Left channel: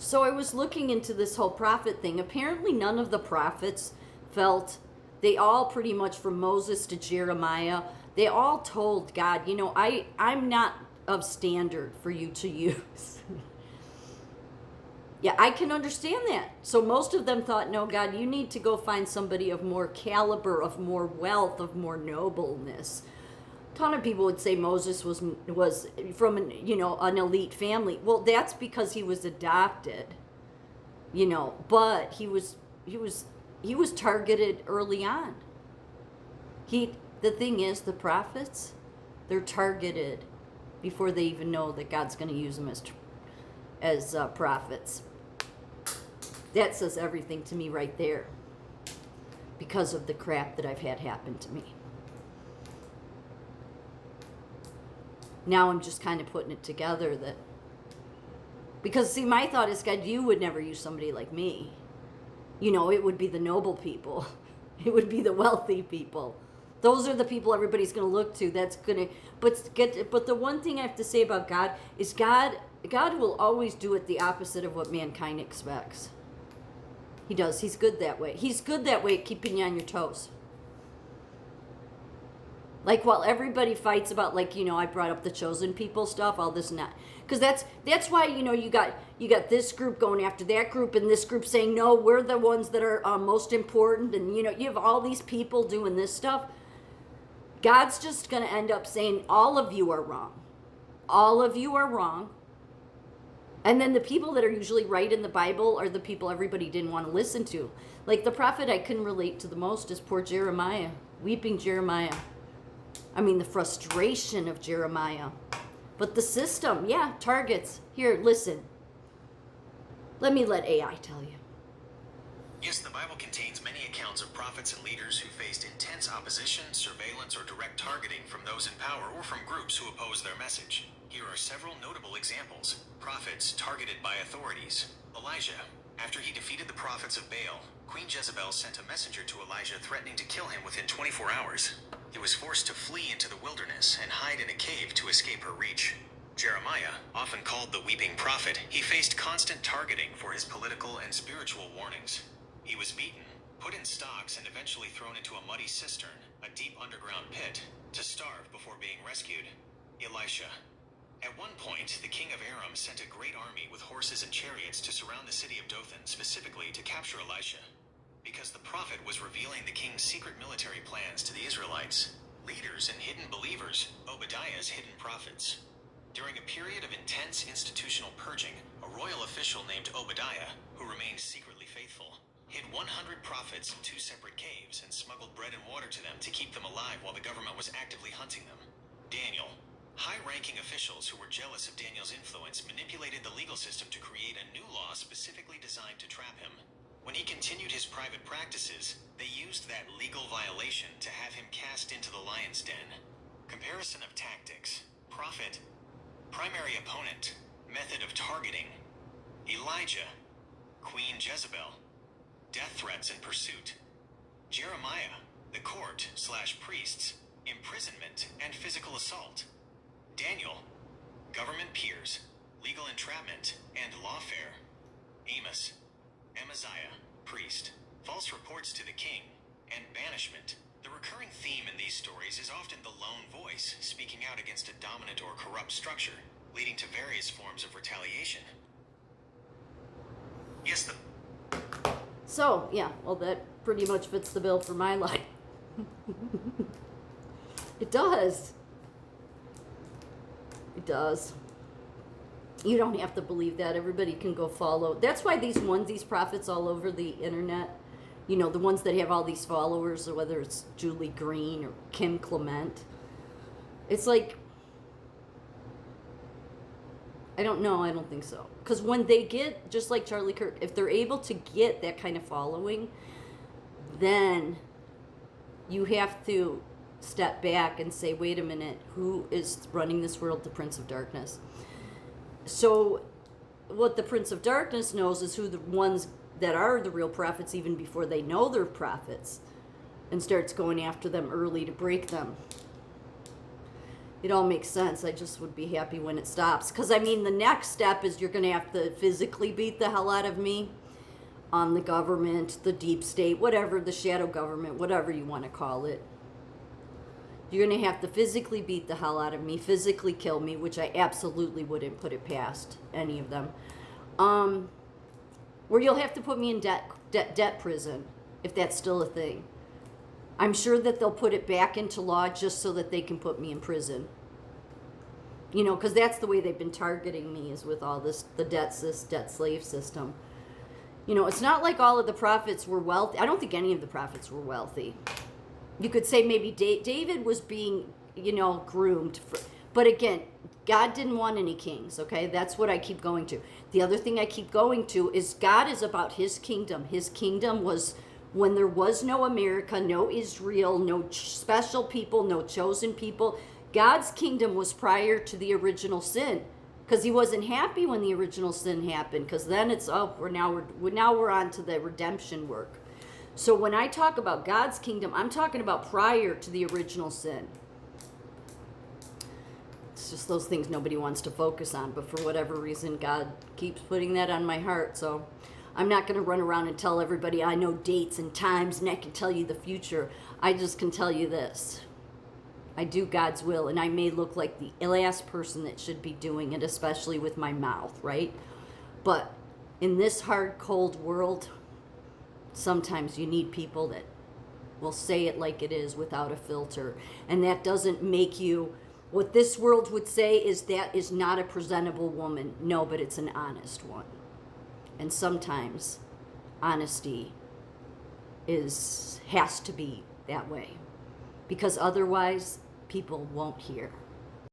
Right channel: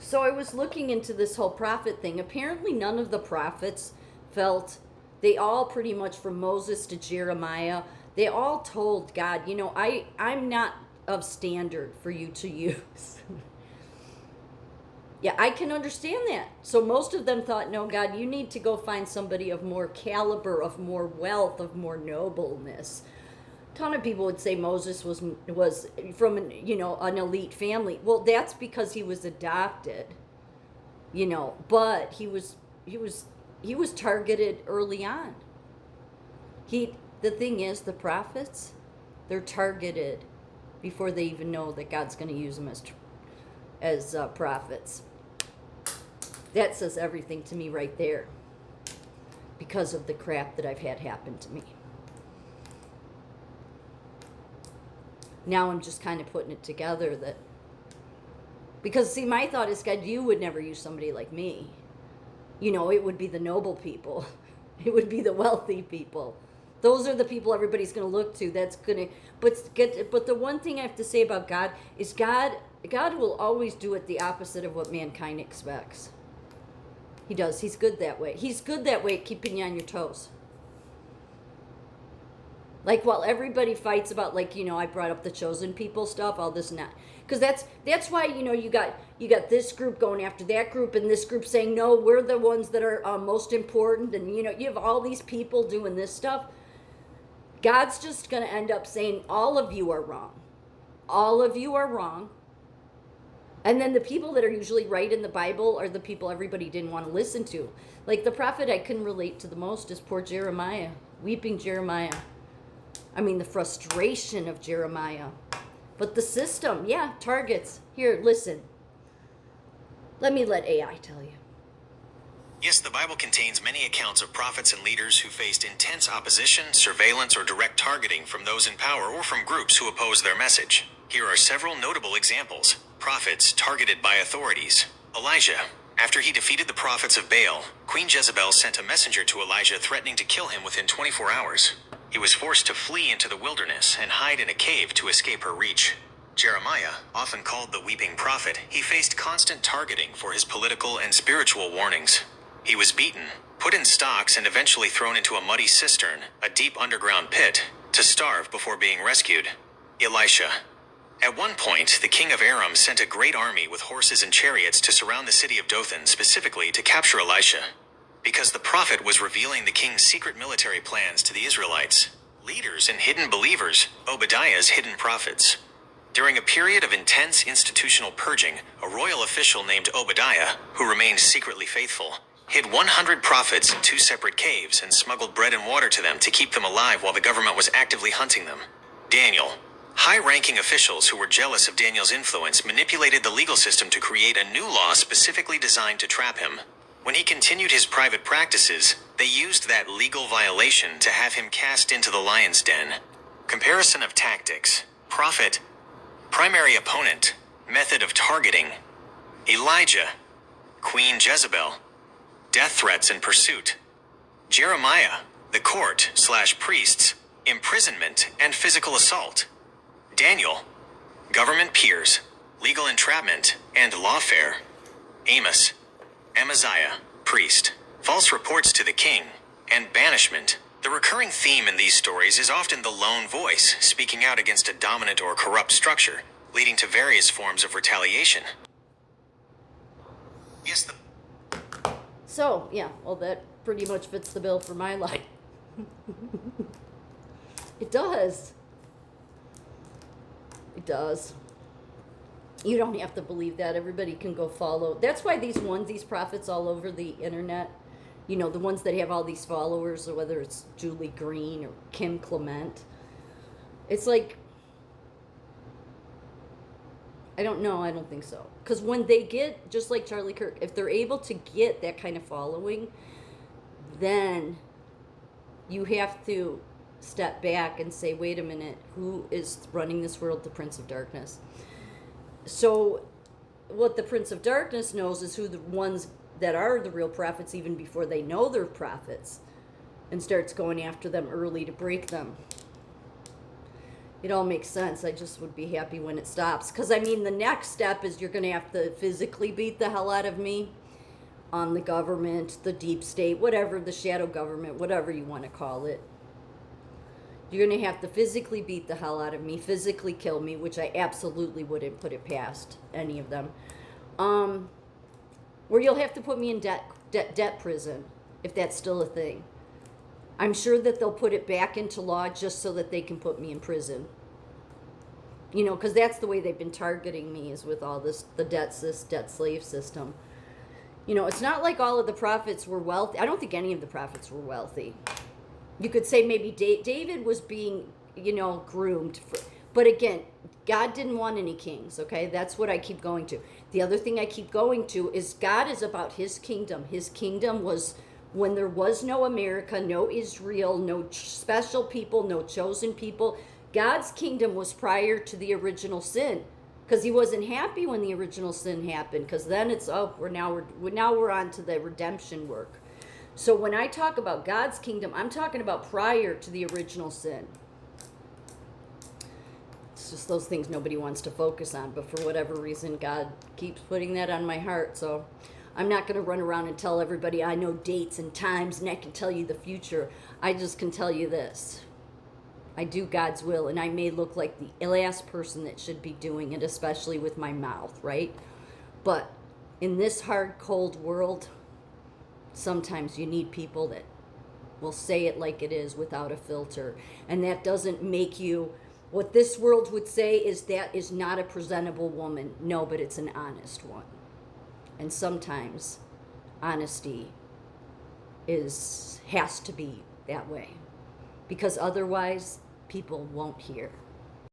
So I was looking into this whole prophet thing. Apparently, none of the prophets felt, they all pretty much from Moses to Jeremiah, they all told God, I'm not of standard for you to use. Yeah, I can understand that. So most of them thought, no, God, you need to go find somebody of more caliber, of more wealth, of more nobleness. A ton of people would say Moses was from an elite family. Well, that's because he was adopted, but he was targeted early on. The thing is, the prophets, they're targeted before they even know that God's going to use them as prophets. That says everything to me right there, because of the crap that I've had happen to me. Now I'm just kind of putting it together because see, my thought is, God, you would never use somebody like me. It would be the noble people. It would be the wealthy people. Those are the people everybody's going to look to. But the one thing I have to say about God is God will always do it the opposite of what mankind expects. He does. He's good that way. He's good that way at keeping you on your toes. Like, while everybody fights about, I brought up the chosen people stuff, all this and that. Because that's why, you got this group going after that group, and this group saying, no, we're the ones that are most important. And, you have all these people doing this stuff. God's just going to end up saying, all of you are wrong. All of you are wrong. And then the people that are usually right in the Bible are the people everybody didn't want to listen to. Like, the prophet I can relate to the most is poor Jeremiah. Weeping Jeremiah. I mean, the frustration of Jeremiah. But the system, targets. Here, listen. Let AI tell you. Yes, the Bible contains many accounts of prophets and leaders who faced intense opposition, surveillance, or direct targeting from those in power or from groups who oppose their message. Here are several notable examples. Prophets targeted by authorities. Elijah. After he defeated the prophets of Baal, Queen Jezebel sent a messenger to Elijah threatening to kill him within 24 hours. He was forced to flee into the wilderness and hide in a cave to escape her reach. Jeremiah, often called the weeping prophet, he faced constant targeting for his political and spiritual warnings. He was beaten, put in stocks, and eventually thrown into a muddy cistern, a deep underground pit, to starve before being rescued. Elisha. At one point, the king of Aram sent a great army with horses and chariots to surround the city of Dothan, specifically to capture Elisha, because the prophet was revealing the king's secret military plans to the Israelites. Leaders and hidden believers, Obadiah's hidden prophets. During a period of intense institutional purging, a royal official named Obadiah, who remained secretly faithful, hid 100 prophets in 2 separate caves and smuggled bread and water to them to keep them alive while the government was actively hunting them. Daniel. High-ranking officials who were jealous of Daniel's influence manipulated the legal system to create a new law specifically designed to trap him. When he continued his private practices, they used that legal violation to have him cast into the lion's den. Comparison of tactics. Prophet. Primary opponent. Method of targeting. Elijah. Queen Jezebel. Death threats and pursuit. Jeremiah. The court/priests. Imprisonment and physical assault. Daniel. Government peers. Legal entrapment and lawfare. Amos. Amaziah. Priest. False reports to the king. And banishment. The recurring theme in these stories is often the lone voice speaking out against a dominant or corrupt structure, leading to various forms of retaliation. Yes, So, that pretty much fits the bill for my life. It does. It does. You don't have to believe that. Everybody can go follow. That's why these prophets all over the internet, the ones that have all these followers, or whether it's Julie Green or Kim Clement, it's like, I don't know. I don't think so. Because when they get, just like Charlie Kirk, if they're able to get that kind of following, then you have to step back and say, wait a minute, who is running this world? The Prince of Darkness. So what the Prince of Darkness knows is who the ones that are the real prophets, even before they know they're prophets, and starts going after them early to break them. It all makes sense. I just would be happy when it stops. Because, I mean, the next step is you're going to have to physically beat the hell out of me on the government, the deep state, whatever, the shadow government, whatever you want to call it. You're going to have to physically beat the hell out of me, physically kill me, which I absolutely wouldn't put it past any of them. Or you'll have to put me in debt prison, if that's still a thing. I'm sure that they'll put it back into law just so that they can put me in prison. You know, because that's the way they've been targeting me, is with all this, the debt slave system. You know, it's not like all of the prophets were wealthy. I don't think any of the prophets were wealthy. You could say maybe David was being, you know, groomed. But again, God didn't want any kings, okay? That's what I keep going to. The other thing I keep going to is God is about his kingdom. His kingdom was when there was no America, no Israel, no special people, no chosen people. God's kingdom was prior to the original sin, because he wasn't happy when the original sin happened, because then it's, oh, we're on to the redemption work. So when I talk about God's kingdom, I'm talking about prior to the original sin. It's just those things nobody wants to focus on, but for whatever reason, God keeps putting that on my heart. So I'm not going to run around and tell everybody I know dates and times and I can tell you the future. I just can tell you this. I do God's will, and I may look like the last person that should be doing it, especially with my mouth, right? But in this hard, cold world, sometimes you need people that will say it like it is without a filter. And that doesn't make you, what this world would say is that is not a presentable woman. No, but it's an honest one. And sometimes honesty has to be that way, because otherwise people won't hear.